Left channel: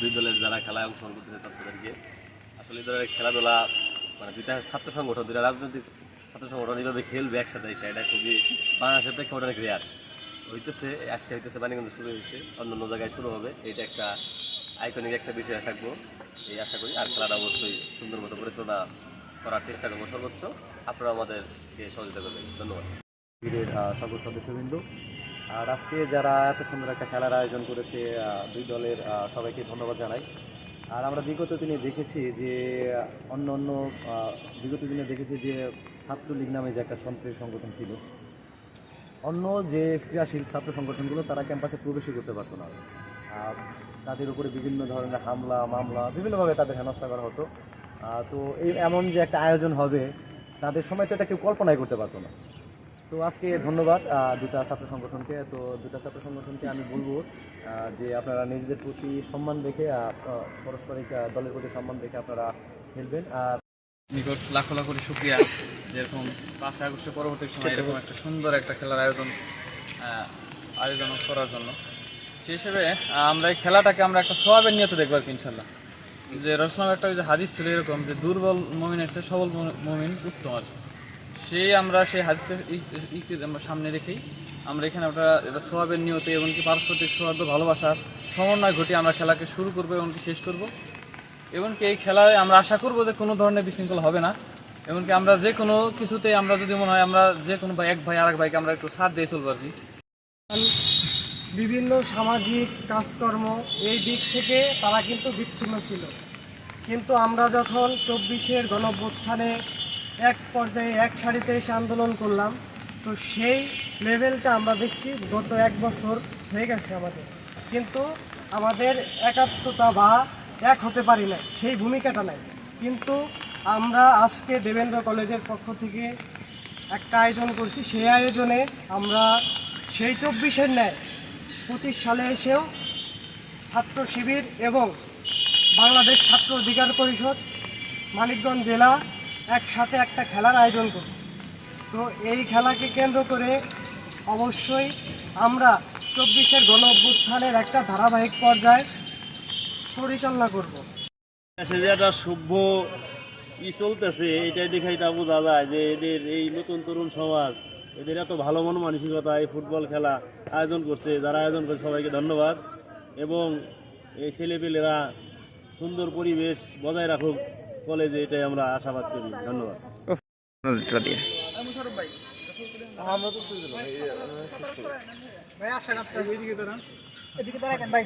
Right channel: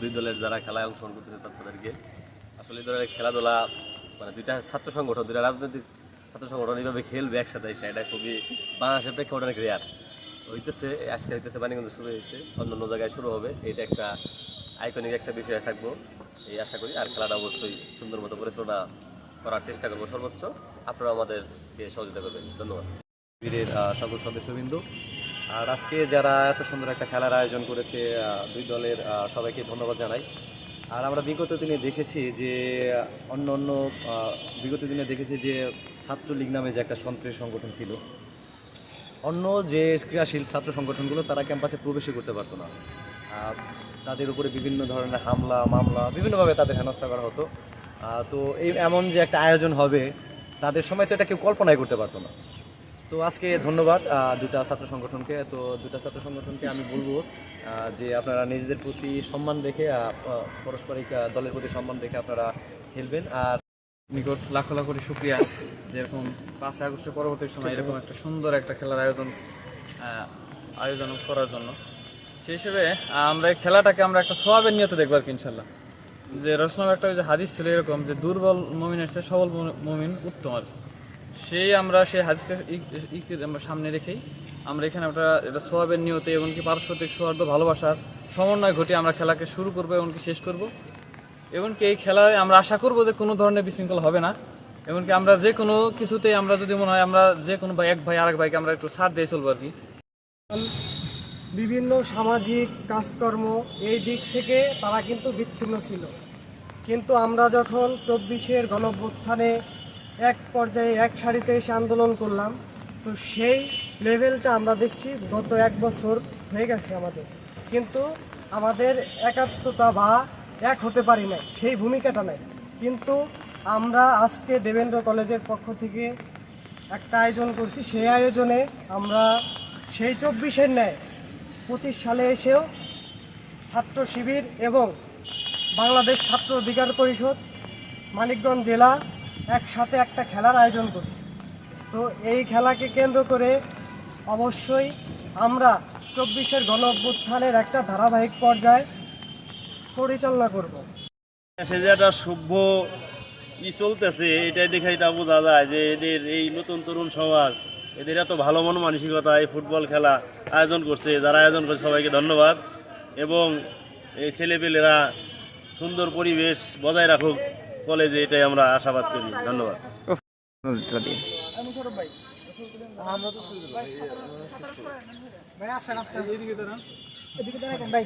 দুই দলের যারা খেলায় অংশগ্রহণ করতেছে তাদেরকে আসলে এই ধরনের খেলাধুলা মানে দুইটা ছাত্র সংগঠন, দুইটা রাজনৈতিক ছাত্র সংগঠন এইভাবে খেলবে একসাথে এসে, এটা খুবই বাংলাদেশের প্রেক্ষাপটে অনেক রেয়ার হইতেছে, আজকে হইতেছে বাণীগঞ্জ শুরু হয়েছে অন্য অন্য জায়গায় শুরু হবে, এটা একটা আইকনিক একটা বিষয় থাকব, এই আশা করি। আর খেলাটা অবশ্যই সুন্দর মতো পরিচালনা করার চেষ্টা করব সর্বোচ্চ। আপনারা আমাদেরকে সহযোগিতা করবেন। ধন্যবাদ। বীরের সকল সদস্যবৃন্দ আর আজকে যারা এত সুন্দর একটা খেলার আয়োজন করেছে দুই দলের সবাইকে ধন্যবাদ জানাই। আর আমরা বিগত দিনে দেখেছি যে, অন্য অন্য বিগত দিনে দেখেছি যে ছাত্রলীগ নামে যে একটা সন্ত্রাসী সংগঠন ছিল, অন্য যে ক্রিয়াশীল ছাত্র সংগঠনগুলো তারা ক্যাম্পাসে প্রবেশই করতে পারতো না। তাদের উপরে বিভিন্ন ধরনের হামলা, মামলা, বিভিন্নভাবে তাদের হেনস্থা করা হতো। তো এই এমন যে একটা আয়োজন হবে, তাদের সময় তো এটা কেউ কল্পনাই করতে পারতো না। তো আজকে ধন্যবাদ দুটা ছাত্র সংগঠনকে। তো দুটা ছাত্র সংগঠনকে আমি বলব যে আপনারা নিজেদের প্রতি সম্মান রেখে পারস্পরিক দলের প্রতি সম্মান রেখে আপনারা খেলবেন। আর নিকট লাখ লাখ লাখো শুক্রিয়া। যেরকম পাঁচ আগস্ট পরবর্তী সময় এরকম একটা সুন্দর একটা খেলার আয়োজন আয়োজন করার জন্য। সেই হিসেবে আমরা এই খেলাটাকে আমরা একটা সোয়াবের নিয়তে দেখব আর কি ইনশাল্লাহ। যে রসলাম একটা যে হাদিস ছিল এরকম যে দুর্বল মমিনের চেয়ে সবল মমিন উত্তম আর কি। সেই আমরা সেই হাদিসের সামনে রেখেই আমরা এখানে আমরা এটা সোয়াবের নিয়তে এমনকি পারস্পরিক সৌহার্দ্য ভালোবাসার সমন্বয় ঘটিয়ে আমরা খেলাকে শুরু করব এমনকি শেষ করব। এমনকি এই খেলায় আমরা আশা করব যে কোনো ধরনের বিশৃঙ্খলা হবে না। এমনকি আমরা যে কোনো কিছুতে আমরা যদি মনে হয় আমরা যে কোনো এক ভাই, আরেক ভাইকে আমরা একটু ছাড় দিয়ে চলবো আর কি। বিভিন্ন সামাজিক কাজকর্ম এই দিক থেকে তারা কিন্তু বিচ্ছিন্ন ছিল। কিন্তু আমরা যখন চব্বিশের গণভ্যুত্থানে এক পর্যায়ে এক সারিতে এসে আন্দোলন করলাম। তো সেই লেভেলটা আমরা দেখছি গত এক বছর হয়ে গেছে আমাদের। কিন্তু আমাদের একাত্মতা বা এক হতে পারি না সেই ভূমিকাটা নেই। কিন্তু আমরা আজকে দেবেন্দ্র কলেজের পক্ষ থেকে একটা আয়োজন করছি। সেই আয়োজনে আমরা সেই চব্বিশের ন্যায় পঁচিশ সালে এসেও ছাত্র শিবির এবং বাংলাদেশ ছাত্র অধিকার পরিষদ, মানিকগঞ্জ জেলা একসাথে একটা খেলার আয়োজন করছি। তো এই খেলাকে কেন্দ্র করে অবশ্যই আমরা চব্বিশের গণ অভ্যুত্থানের একটা ধারাবাহিক পর্যায়ে পরিচালনা করব। সে যে একটা সভ্য ই চলতেছে, এটাই দেখাই তা বোঝা যায় যে এদের এই নতুন তরুণ সমাজ, এদের এত ভালো মন মানসিকতা, এই ফুটবল খেলা আয়োজন করছে, যারা আয়োজন করছে সবাইকে ধন্যবাদ। এবং এই ছেলেপেলেরা সুন্দর পরিবেশ বজায় রাখুক। কলেজে এটাই আমরা আশাবাদ করি। ধন্যবাদ। ভাই